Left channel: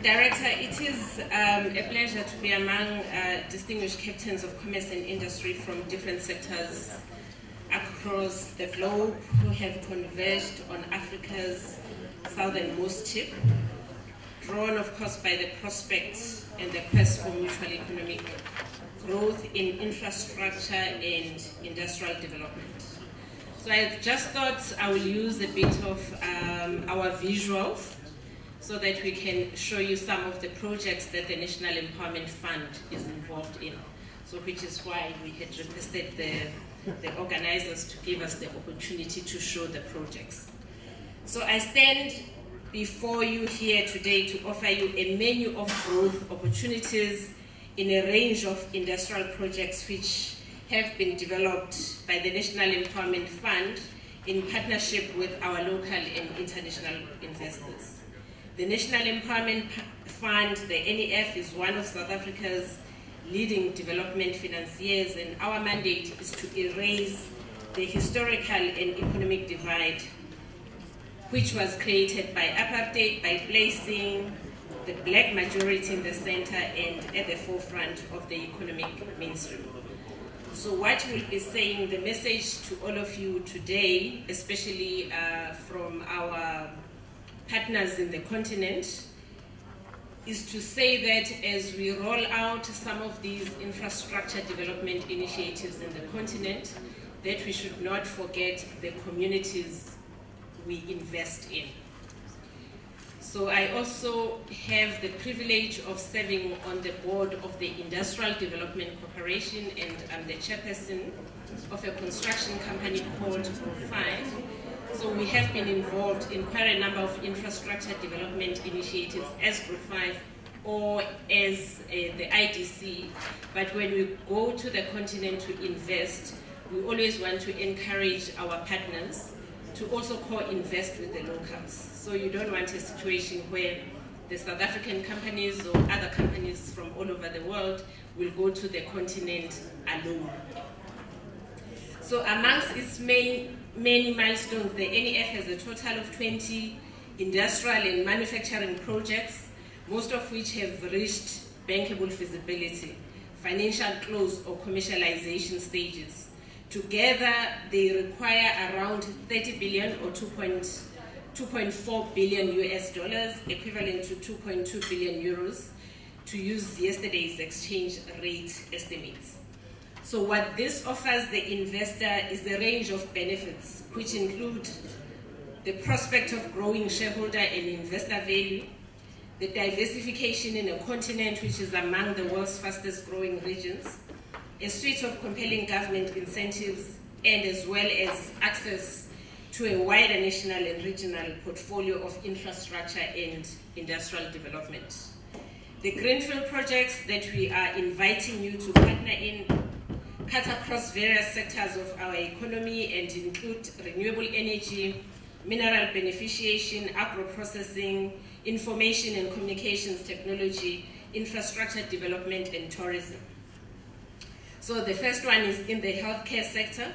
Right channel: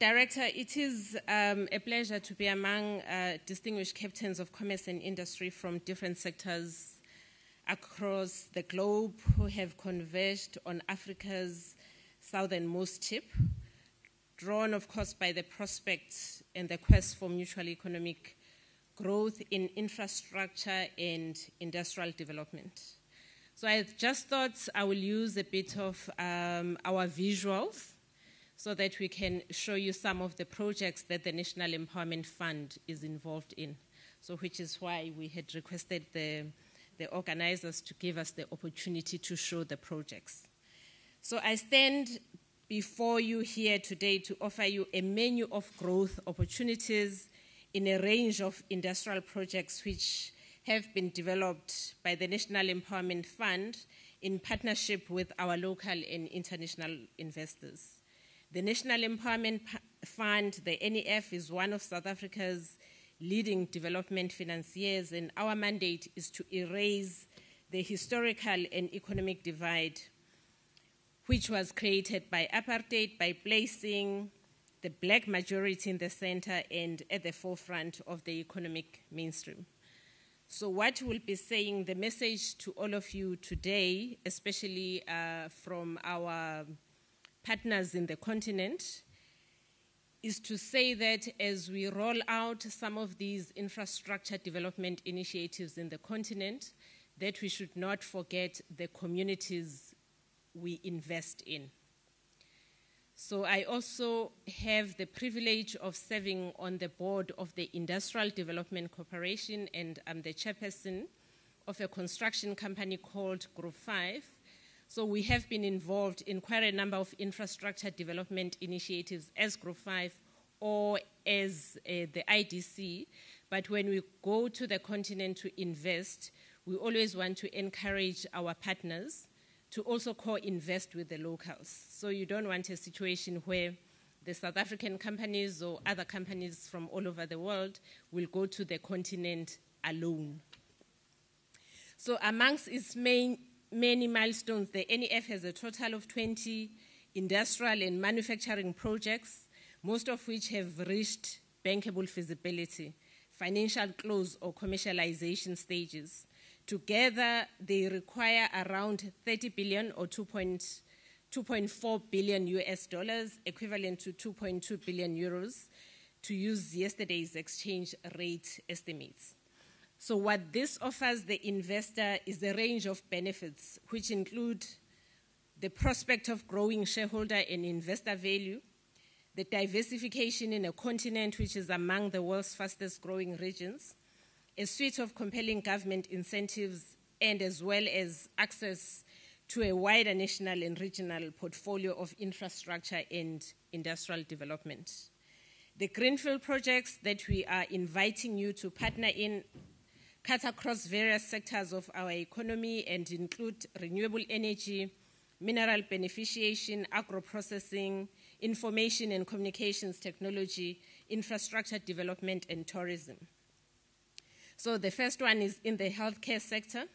Director, it is a pleasure to be among distinguished captains of commerce and industry from different sectors across the globe who have converged on Africa's southernmost tip, drawn of course by the prospects and the quest for mutual economic growth in infrastructure and industrial development. So I just thought I will use a bit of our visuals so that we can show you some of the projects that the National Empowerment Fund is involved in. So which is why we had requested the organizers to give us the opportunity to show the projects. So I stand before you here today to offer you a menu of growth opportunities in a range of industrial projects which have been developed by the National Empowerment Fund in partnership with our local and international investors. The National Empowerment Fund, the NEF, is one of South Africa's leading development financiers, and our mandate is to erase the historical and economic divide which was created by apartheid by placing the black majority in the center and at the forefront of the economic mainstream. So what we'll be saying, the message to all of you today, especially from our partners in the continent, is to say that as we roll out some of these infrastructure development initiatives in the continent, that we should not forget the communities we invest in. So I also have the privilege of serving on the board of the Industrial Development Corporation, and I'm the chairperson of a construction company called Group 5. So we have been involved in quite a number of infrastructure development initiatives as Group 5 or as the IDC. But when we go to the continent to invest, we always want to encourage our partners to also co-invest with the locals. So you don't want a situation where the South African companies or other companies from all over the world will go to the continent alone. So amongst its many milestones, the NEF has a total of 20 industrial and manufacturing projects, most of which have reached bankable feasibility, financial close or commercialization stages. Together, they require around 30 billion or 2.4 billion US dollars, equivalent to 2.2 billion euros, to use yesterday's exchange rate estimates. So what this offers the investor is a range of benefits, which include the prospect of growing shareholder and investor value, the diversification in a continent which is among the world's fastest growing regions, a suite of compelling government incentives, and as well as access to a wider national and regional portfolio of infrastructure and industrial development. The greenfield projects that we are inviting you to partner in cut across various sectors of our economy and include renewable energy, mineral beneficiation, agro-processing, information and communications technology, infrastructure development, and tourism. So the first one is in the healthcare sector.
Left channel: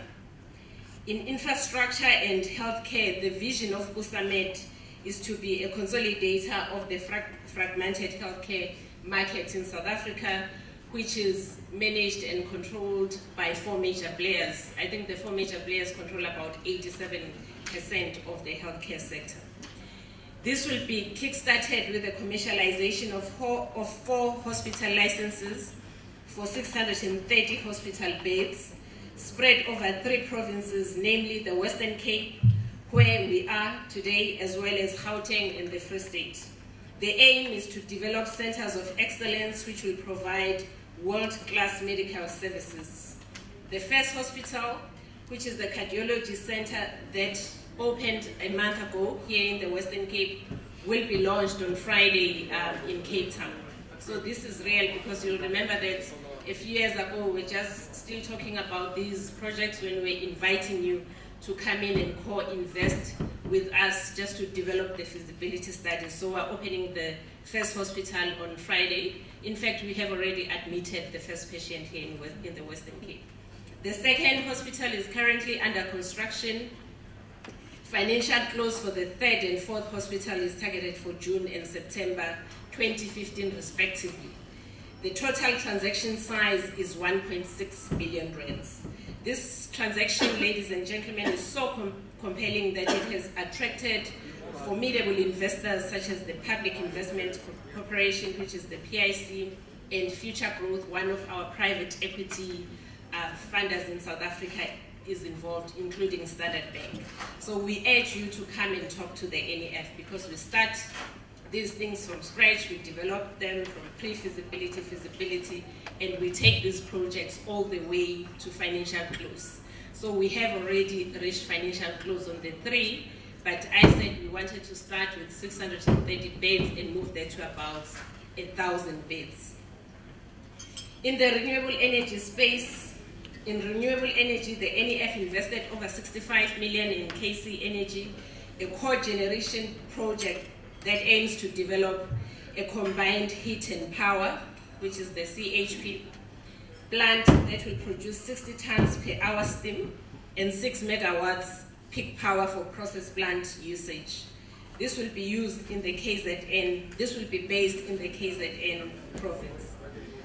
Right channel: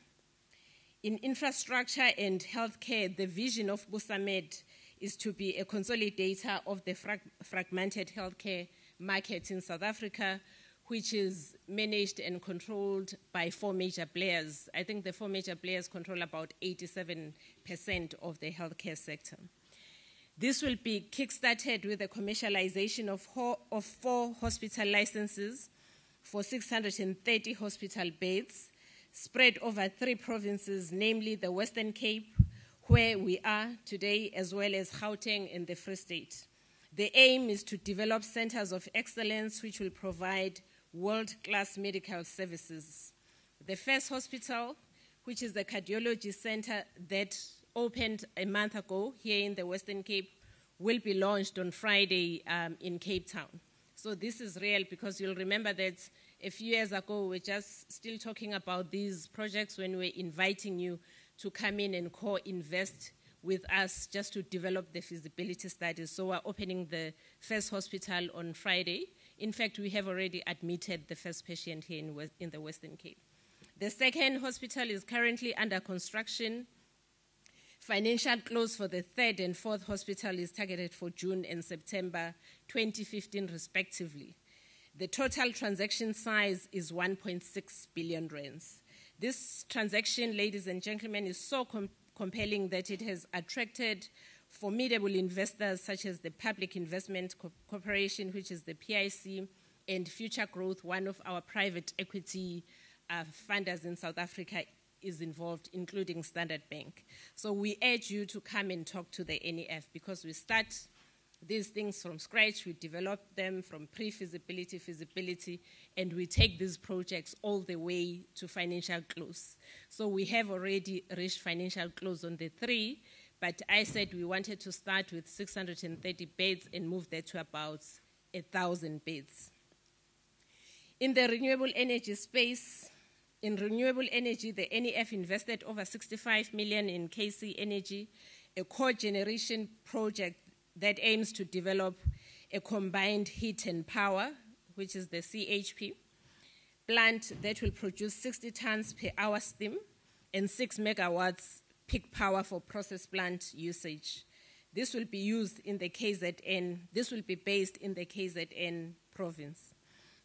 In infrastructure and healthcare, the vision of USAMED is to be a consolidator of the fragmented healthcare market in South Africa, which is managed and controlled by 4 major players. I think the 4 major players control about 87% of the healthcare sector. This will be kick-started with the commercialization of 4 hospital licenses for 630 hospital beds, spread over 3 provinces, namely the Western Cape, where we are today, as well as Gauteng and the Free State. The aim is to develop centers of excellence which will provide world-class medical services. The first hospital, which is the cardiology center that opened a month ago here in the Western Cape, will be launched on Friday in Cape Town. So this is real, because you'll remember that a few years ago we were just still talking about these projects when we were inviting you to come in and co-invest with us just to develop the feasibility study. So we're opening the first hospital on Friday. In fact, we have already admitted the first patient here in the Western Cape. The second hospital is currently under construction Financial close for the third and fourth hospital is targeted for June and September 2015 respectively. The total transaction size is 1.6 billion rands. This transaction, ladies and gentlemen, is so compelling that it has attracted formidable investors such as the Public Investment Corporation, which is the PIC, and Future Growth, one of our private equity funders in South Africa, is involved, including Standard Bank. So we urge you to come and talk to the NEF, because we start these things from scratch, we develop them from pre-feasibility, feasibility, and we take these projects all the way to financial close. So we have already reached financial close on the 3, but I said we wanted to start with 630 beds and move that to about 1,000 beds. In the renewable energy space, in renewable energy, the NEF invested over 65 million in KC Energy, a core generation project that aims to develop a combined heat and power, which is the CHP plant that will produce 60 tons per hour steam and 6 megawatts peak power for process plant usage. This will be used in the KZN. This will be based in the KZN province.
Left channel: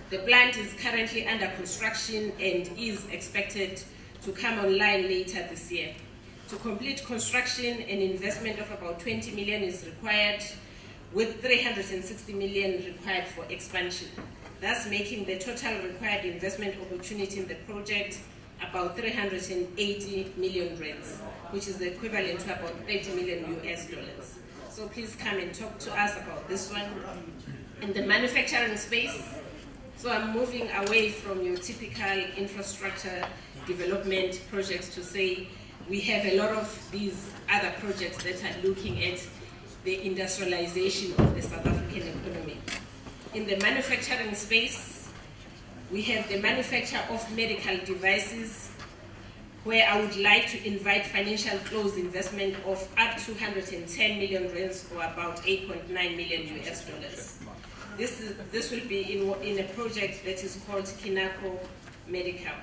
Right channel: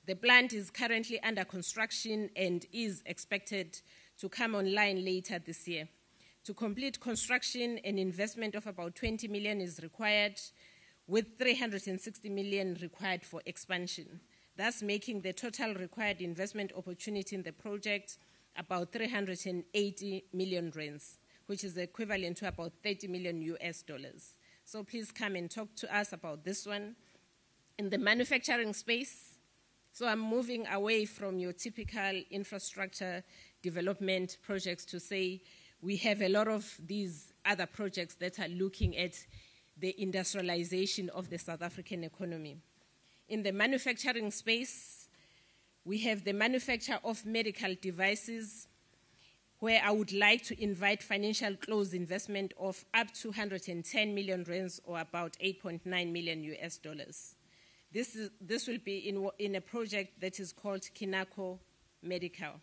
The plant is currently under construction and is expected to come online later this year. To complete construction, an investment of about 20 million is required, with 360 million required for expansion, thus making the total required investment opportunity in the project about 380 million rands, which is equivalent to about 30 million US dollars. So please come and talk to us about this one. In the manufacturing space, so I'm moving away from your typical infrastructure development projects to say we have a lot of these other projects that are looking at the industrialization of the South African economy. In the manufacturing space, we have the manufacture of medical devices, where I would like to invite financial close investment of up to 110 million rands, or about 8.9 million US dollars. This will be in a project that is called Kinako Medical.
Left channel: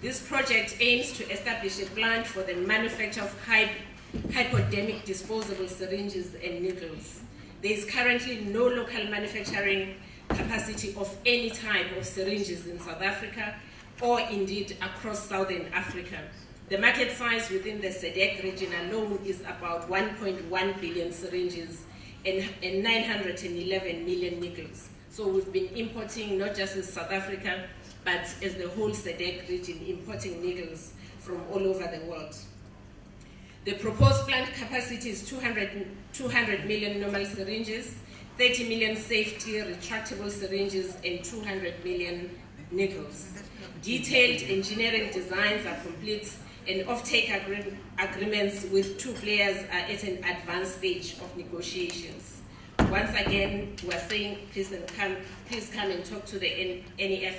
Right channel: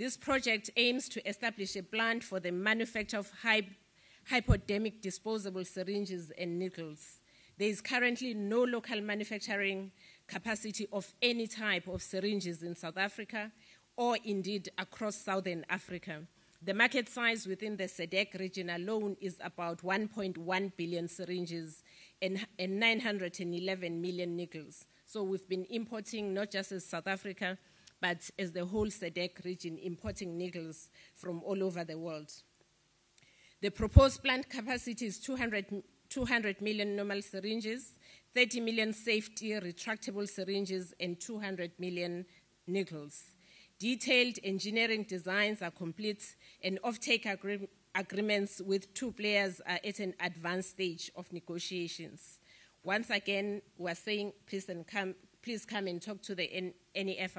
This project aims to establish a plant for the manufacture of hypodermic disposable syringes and needles. There is currently no local manufacturing capacity of any type of syringes in South Africa, or indeed across Southern Africa. The market size within the SADC region alone is about 1.1 billion syringes and 911 million needles. So we've been importing, not just in South Africa, but as the whole SADC region, importing needles from all over the world. The proposed plant capacity is 200 million normal syringes, 30 million safety retractable syringes, and 200 million needles. Detailed engineering designs are complete, and offtake agreements with 2 players are at an advanced stage of negotiations. Once again, we are saying please come and talk to the NEF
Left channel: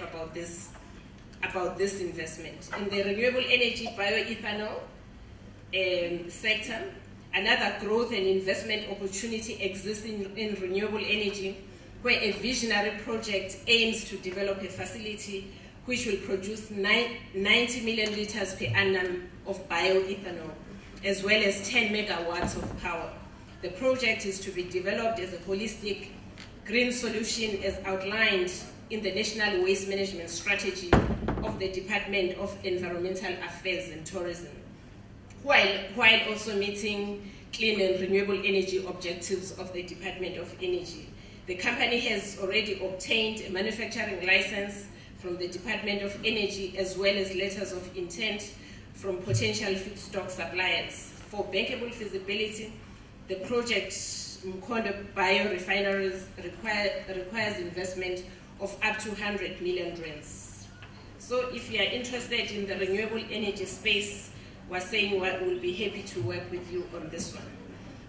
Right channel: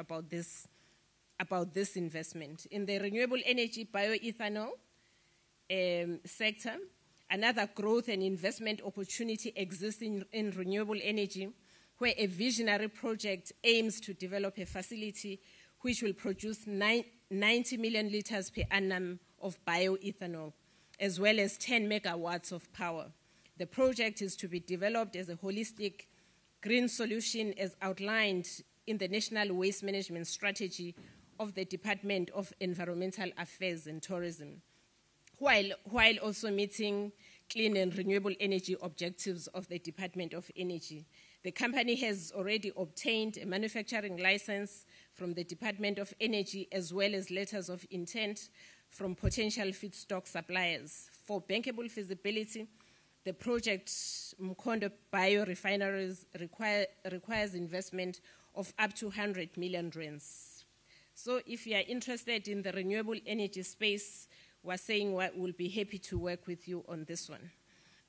about this investment. In the renewable energy bioethanol sector, another growth and investment opportunity exists in renewable energy, where a visionary project aims to develop a facility which will produce 90 million liters per annum of bioethanol, as well as 10 megawatts of power. The project is to be developed as a holistic green solution as outlined in the National Waste Management Strategy of the Department of Environmental Affairs and Tourism, while also meeting clean and renewable energy objectives of the Department of Energy. The company has already obtained a manufacturing license from the Department of Energy, as well as letters of intent from potential feedstock suppliers. For bankable feasibility, the project Mkondo biorefineries requires investment of up to 100 million rands. So if you are interested in the renewable energy space, we're saying we'll be happy to work with you on this one.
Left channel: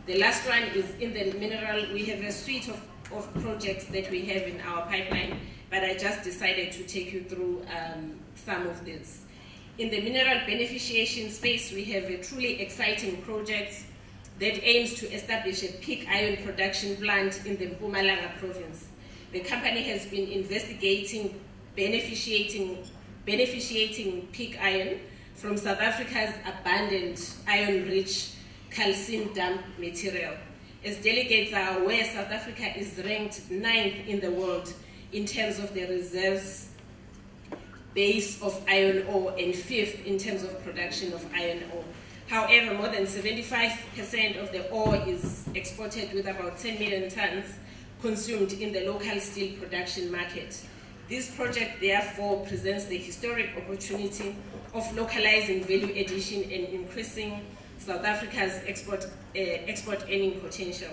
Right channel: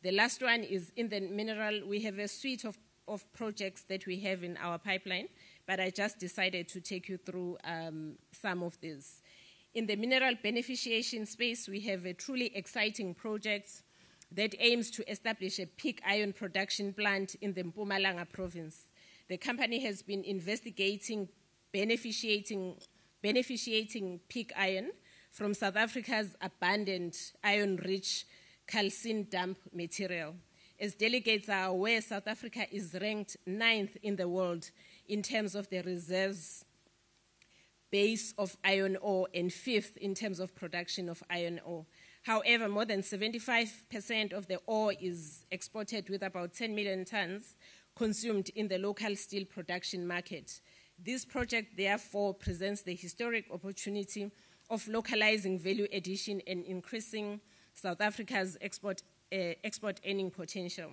The last one is in the mineral. We have a suite of projects that we have in our pipeline, but I just decided to take you through some of these. In the mineral beneficiation space, we have a truly exciting project that aims to establish a pig iron production plant in the Mpumalanga province. The company has been investigating beneficiating pig iron from South Africa's abundant iron-rich calcium dump material. As delegates are aware, South Africa is ranked 9th in the world in terms of the reserves base of iron ore and 5th in terms of production of iron ore. However, more than 75% of the ore is exported, with about 10 million tons consumed in the local steel production market. This project therefore presents the historic opportunity of localizing value addition and increasing South Africa's export earning potential.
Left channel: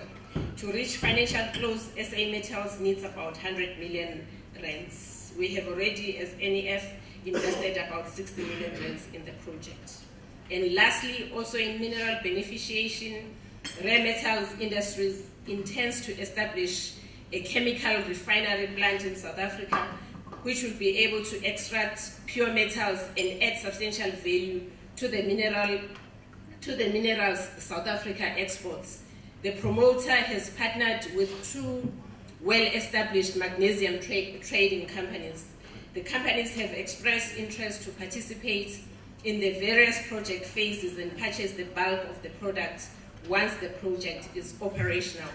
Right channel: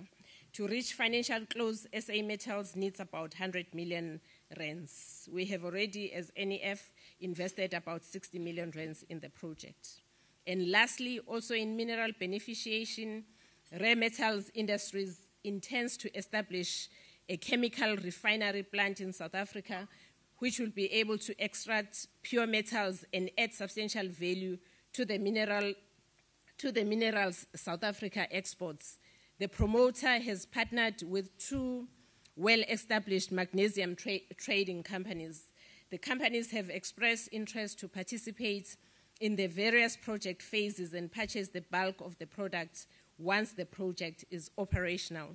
To reach financial close, SA Metals needs about 100 million rands. We have already, as NEF, invested about 60 million rands in the project. And lastly, also in mineral beneficiation, Rare Metals Industries intends to establish a chemical refinery plant in South Africa, which will be able to extract pure metals and add substantial value to the minerals South Africa exports. The promoter has partnered with 2 well-established magnesium trading companies. The companies have expressed interest to participate in the various project phases and purchase the bulk of the product once the project is operational.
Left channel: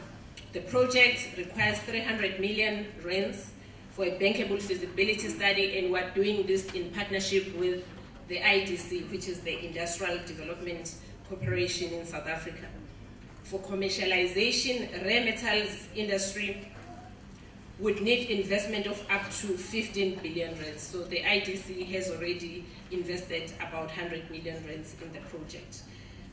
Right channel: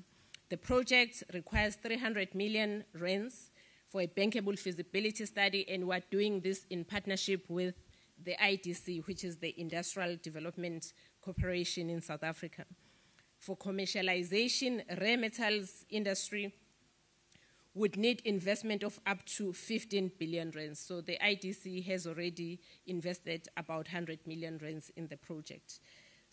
The project requires 300 million rands for a bankable feasibility study, and we're doing this in partnership with the IDC, which is the Industrial Development Corporation in South Africa. For commercialization, Rare Metals Industry would need investment of up to 15 billion rands. So the IDC has already invested about 100 million rands in the project.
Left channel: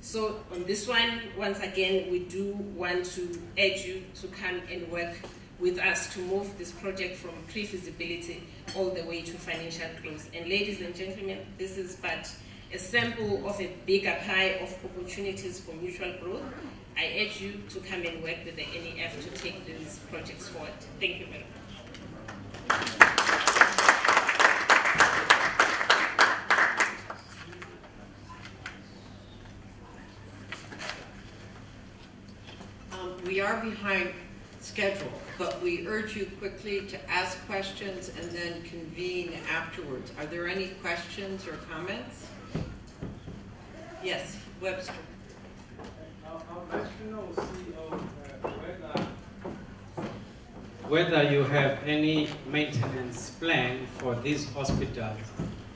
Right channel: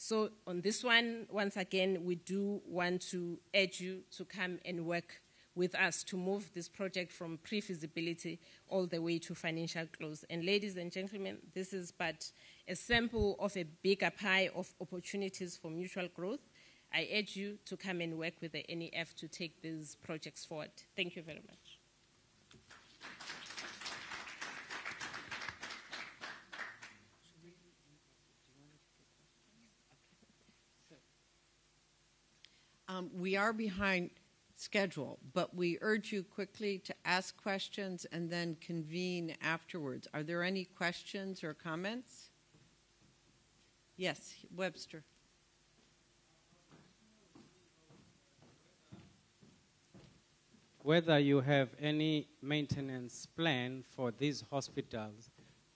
So on this one, once again, we do want to urge you to come and work with us to move this project from pre-feasibility all the way to financial close. And ladies and gentlemen, this is but a sample of a bigger pie of opportunities for mutual growth. I urge you to come and work with the NEF to take these projects forward. Thank you very much. We are behind schedule, but we urge you quickly to ask questions and then convene afterwards. Are there any questions or comments? Yes, Webster. I'll let you know, CEO, whether you have any maintenance plan for these hospitals,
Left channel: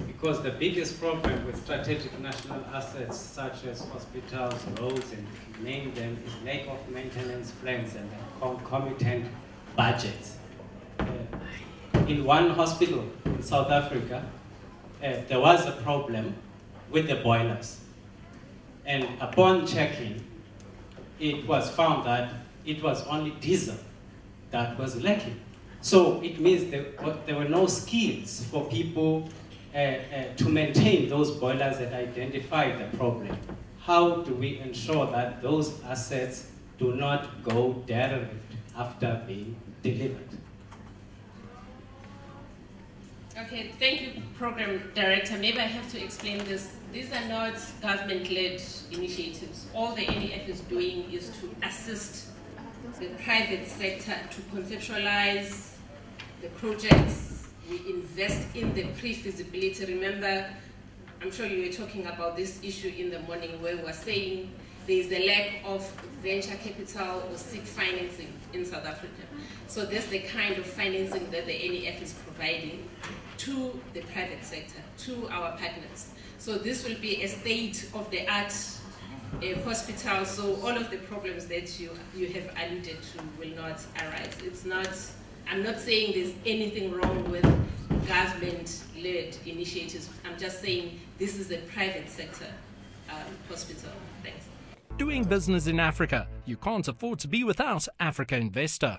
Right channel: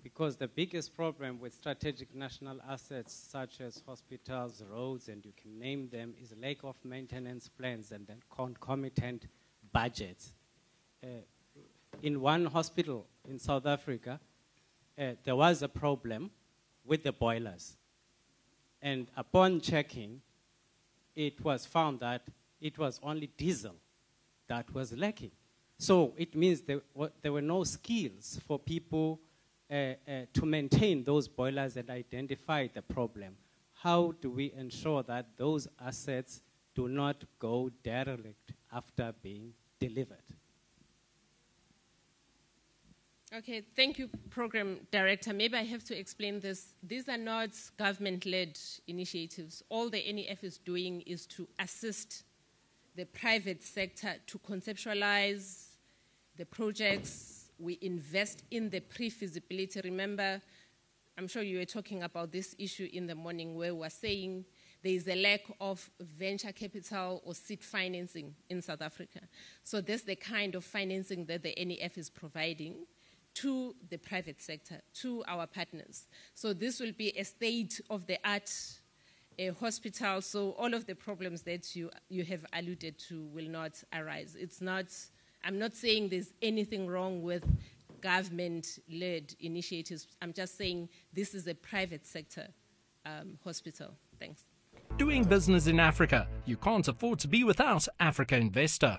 because the biggest problem with strategic national assets such as hospitals, roads, and name them, is lack of maintenance plans and concomitant budgets. In one hospital in South Africa, there was a problem with the boilers. And upon checking, it was found that it was only diesel that was lacking. So it means that there were no skills for people to maintain those boilers that identified the problem. How do we ensure that those assets do not go derelict after being delivered? Okay, thank you, Program Director. Maybe I have to explain this. These are not government-led initiatives. All the NEF is doing is to assist the private sector to conceptualize the projects. We invest in the pre-feasibility. Remember, I'm sure you were talking about this issue in the morning where we were saying there is a lack of venture capital or seed financing in South Africa. So that's the kind of financing that the NEF is providing to the private sector, to our partners. So this will be a state-of-the-art hospital, so all of the problems that you have alluded to will not arise. It's not, I'm not saying there's anything wrong with government-led initiatives. I'm just saying this is a private sector hospital. Thanks. Doing business in Africa, you can't afford to be without Africa Investor.